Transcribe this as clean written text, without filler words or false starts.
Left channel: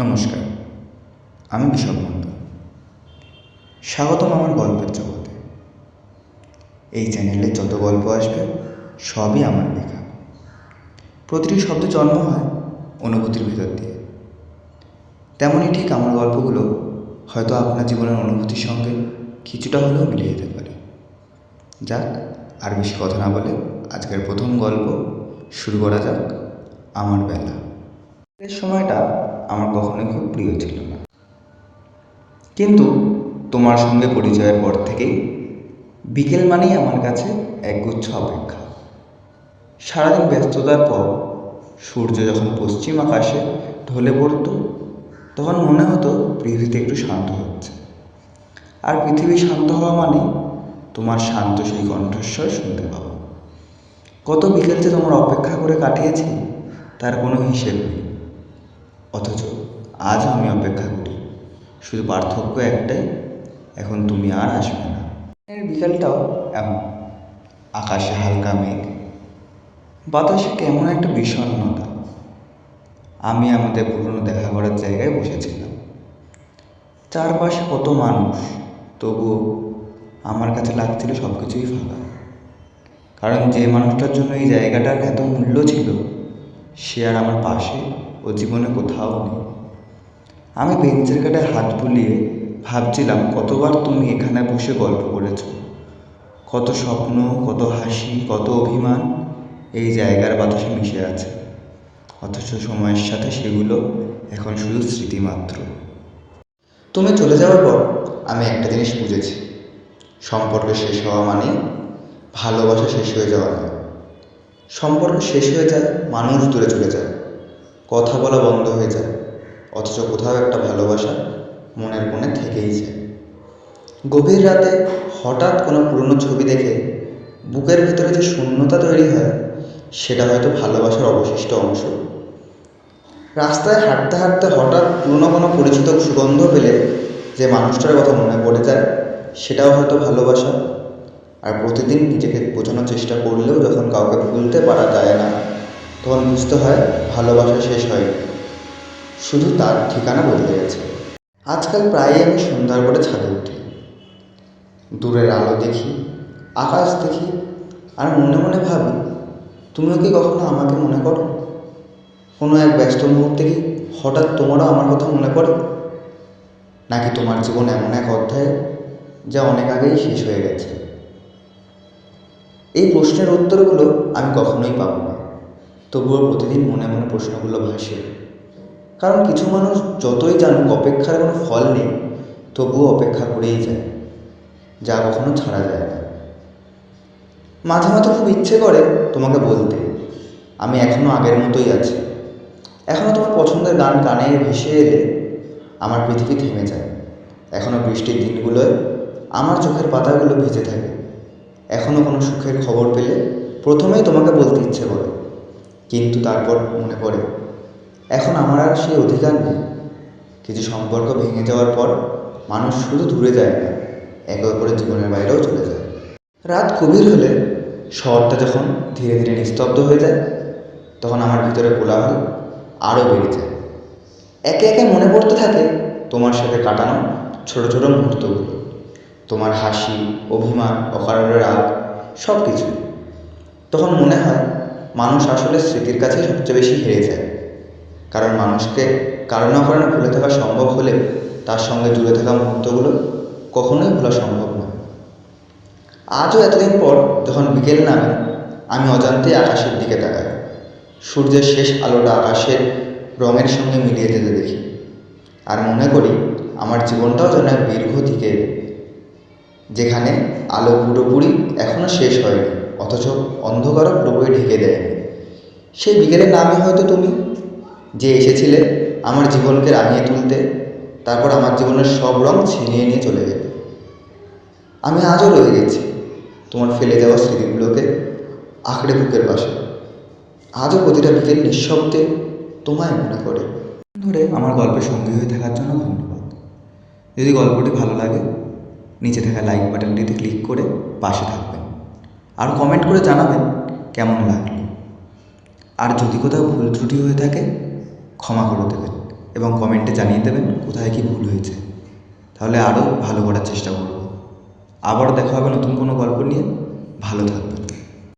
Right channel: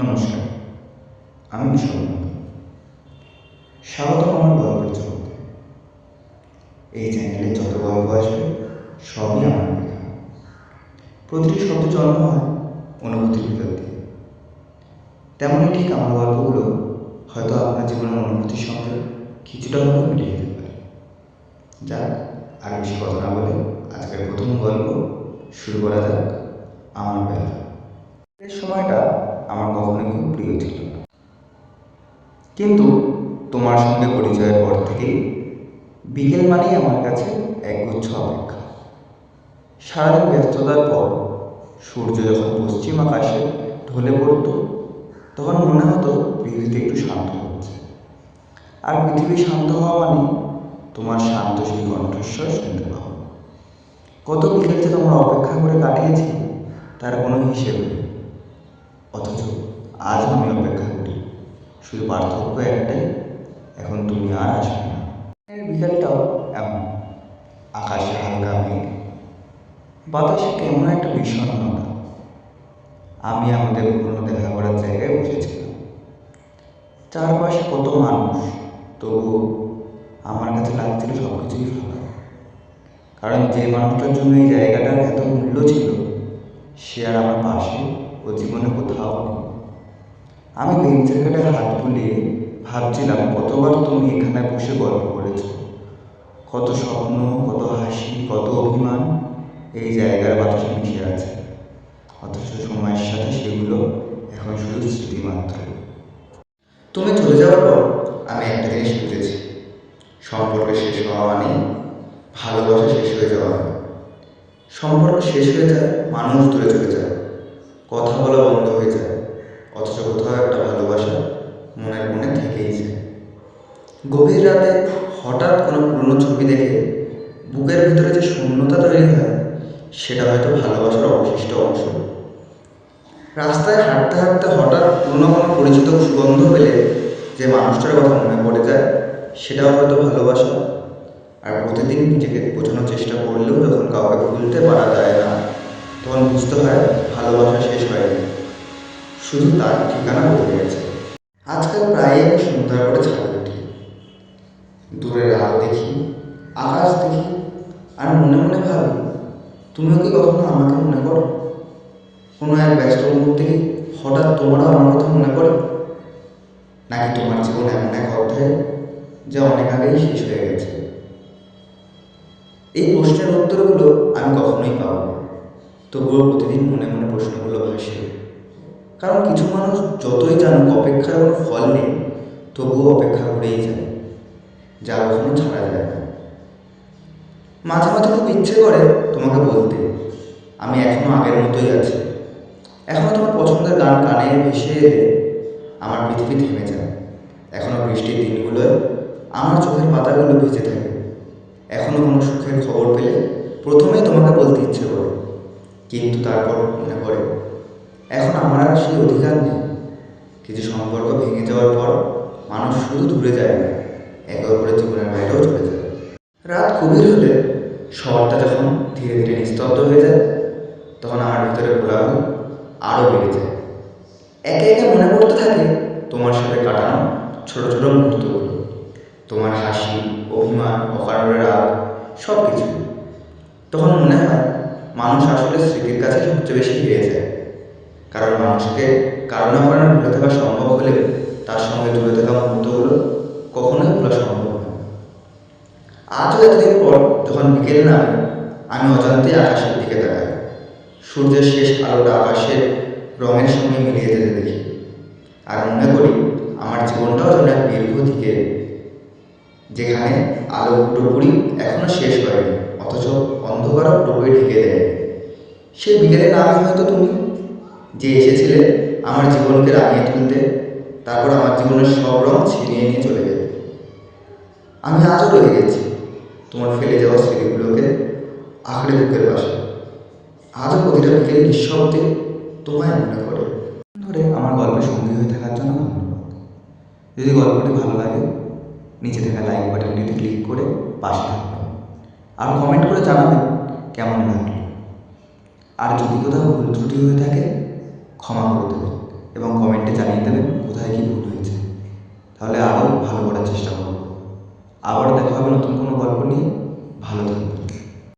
নমস্কার, আমি বিশাল বন্ধু। স্বাগতম আমার গল্পের জগতে। এই চ্যানেলে যত গল্প আসবে সবই আমার লেখা। প্রতিটি শব্দ জন্ম হয় অনুভূতির ভিতর দিয়ে। তেমনই ঠিক আমার গল্পগুলো হয়তো আপনার জীবনের অনুভূতির সঙ্গে কিছুটা হলেও মিলিয়ে যেতে পারে। যাক, আর বেশি কথা না বলে আজকের প্রথম গল্প শুরু করা যাক। আমার বেলা। এই সময়টা আমার কখনোই খুব প্রিয় ছিল না, কিন্তু তোমার সঙ্গে পরিচয়ের পর থেকেই বিকেল মানেই আমার কাছে একগুচ্ছ অপেক্ষা। সারাদিন ব্যস্ততার পর সূর্য যখন পশ্চিম আকাশে ঢলে পড়ত, তখন মনে হতো পৃথিবীতে একটু শান্ত হচ্ছে। আর পৃথিবী শান্ত হওয়া মানে তোমার শান্ত সেই কণ্ঠস্বর শুনতে পাবো। কত বিকেল যে তোমার অপেক্ষা করে কাটিয়েছি তার কোনো হিসেব নেই। অথচ আজ আমি অপেক্ষা করি, শুধু পার্থক্য একটাই, এখন তুমি আর আসবে না। এর বিকেলটাও এমন, আকাশে হালকা মেঘ, বাতাসে কেমন একটা বিষণ্ণতা। আমি আমাদের পুরনো দেখা করার জায়গায় বসেছিলাম। চারপাশে কত মানুষ, তবুও আমার কাছে লাগছিল সব কিছুই ফাঁকা। কারণ যে মানুষটার জন্য এই জায়গাটার এত মূল্য ছিল, সে আর আমার পাশে ও জীবনে কোথাও নেই। আমি বেঞ্চের কাছে হাত বুলিয়ে ভাবছিলাম কতবার তুমি এখানে বসে গল্প করেছো, কত স্বপ্ন, কত হাসি, কত অভিমান এই জায়গার বাতাসে মিশে আছে। অথচ সময়ের সাথে সেগুলো এখন শুধু স্মৃতি মাত্র। তুমি চলে যাওয়ার পর আমি একটা জিনিস বুঝেছি, সম্পর্ক শেষ হওয়া মানে ভালোবাসা শেষ হয়ে যাওয়া নয়। সম্পর্ক শেষ হয়ে যায়, মানুষ দূরে চলে যায়, কথা বলা বন্ধ হয়ে যায়, অথচ কোথাও একটা ভালোবাসা মনের কোণে থেকেই যায়। গভীর রাতে হঠাৎ কোনো পুরনো ছবি দেখে বুকের ভিতরে যে শূন্যতা তৈরি হয়, সেটা হয়তো ভালোবাসার অবশিষ্ট অংশ। রাস্তায় হাঁটতে হাঁটতে হঠাৎ পুরনো কোনো পরিচিত সুগন্ধ পেলে যে মানুষটার কথা মনে পড়ে যায়, সেটাও হয়তো ভালোবাসা। আর প্রতিদিন নিজেকে বোঝানোর চেষ্টা করলেও যখন কাউকে ভুলতে পারা যায় না, তখন বুঝতে হয় ভালোবাসা শেষ হয়নি, শুধু তার ঠিকানা বদলে গেছে। আজকাল প্রায়ই আমি সন্ধ্যার পরে ছাদে উঠি, দূরের আলো দেখি, আকাশ দেখি, আর মনে মনে ভাবি, তুমিও কি কখনো আমাকে মনে করো? কোনো এক ব্যস্ত মুহূর্তে কি হঠাৎ তোমারও আমার কথা মনে পড়ে? নাকি তোমার জীবন এমন এক অধ্যায় যা অনেক আগেই শেষ হয়ে গেছে? এই প্রশ্নের উত্তরগুলো আমি কখনোই পাবো না, তবুও প্রতিদিন মনে মনে প্রশ্নগুলো ভাসে। কারণ কিছু মানুষ যতই জানুক অপেক্ষার কোনো ফল নেই, তবুও অপেক্ষা করেই যায়, যা কখনো ছাড়া যায় না। মাঝে মাঝে খুব ইচ্ছে করে তোমাকে বলতে, আমি এখনও আগের মতোই আছি। এখনও তোমার পছন্দের গান কানে ভেসে এলে আমার পৃথিবী থেমে যায়। এখনও বৃষ্টির দিনগুলোয় আমার চোখের পাতাগুলো ভিজে থাকে। এখনও কোনো সুখের খবর পেলে প্রথমেই তোমাকে বলতে ইচ্ছে করে, কিন্তু তারপর মনে পড়ে এখন আমার আর সেই অধিকার নেই। কিছু সম্পর্ক ভেঙে যাওয়ার পর মানুষ শুধু দূরে যায় না, একে অপরের জীবনের বাইরেও চলে যায়। রাত গভীর হলে, শহরটা যখন ধীরে ধীরে নিস্তব্ধ হয়ে যায়, তখন আমার ভিতরে কোলাহল আরও বেড়ে যায়। একে একে মনে পড়তে থাকে তোমার সাথে কাটানো ছোট ছোট মুহূর্তগুলো, তোমার হাসি, অভিমান, অকারণে রাগ, সব কিছু। তখন মনে হয় মানুষ আসলে স্মৃতির কাছে সবচেয়ে বেশি হেরে যায়। কারণ মানুষকে কারো না কারণে ভুলে থাকা সম্ভব হলেও তার সঙ্গে জুড়ে থাকা মুহূর্তগুলো কখনোই ভোলা সম্ভব নয়। আজও এতদিন পর যখন বিকেল নামে, আমি অজান্তেই আকাশের দিকে তাকাই। সূর্যের শেষ আলোটা আকাশের রঙের সঙ্গে মিলিয়ে যেতে দেখি, আর মনে করি আমার জীবনটাও যেন এক দীর্ঘ দিকে, যেখানে আলো পুরোপুরি এখনও শেষ হয়নি, অথচ অন্ধকারও পুরোপুরি ঢেকে দেয়নি। সেই বিকেলের নামই হয়তো তুমি, যে এসেছিলে আমার জীবনকে রাঙিয়ে তুলতে, তারপর আমার জীবনের সব রং ছিনিয়ে নিয়ে চলে যেতে। আমি আজও রয়ে গেছি তোমার ফেলে যাওয়া স্মৃতিগুলোকে আঁকড়ে বুকের পাশে। আজও প্রতিটা বিকেল নিঃশব্দে তোমায় মনে পড়ে। ধরে আমার গল্পের সঙ্গী হয়ে থাকার জন্য ধন্যবাদ। যদি গল্পটি ভালো লাগে, নিচে থাকা লাইক বাটনটিতে ক্লিক করে পাশে থাকবেন, আর কমেন্ট করে জানাবেন কেমন লাগলো। আর যদি কোথাও ভুল ত্রুটি হয়ে থাকে, ক্ষমা করে দেবেন। এবং কমেন্টে জানিয়ে দেবেন কোথায় কী ভুল হয়েছে, তাহলে আরও ভালো করার চেষ্টা করব। আবার দেখা হবে নতুন কোনো গল্প নিয়ে। ভালো থাকবেন।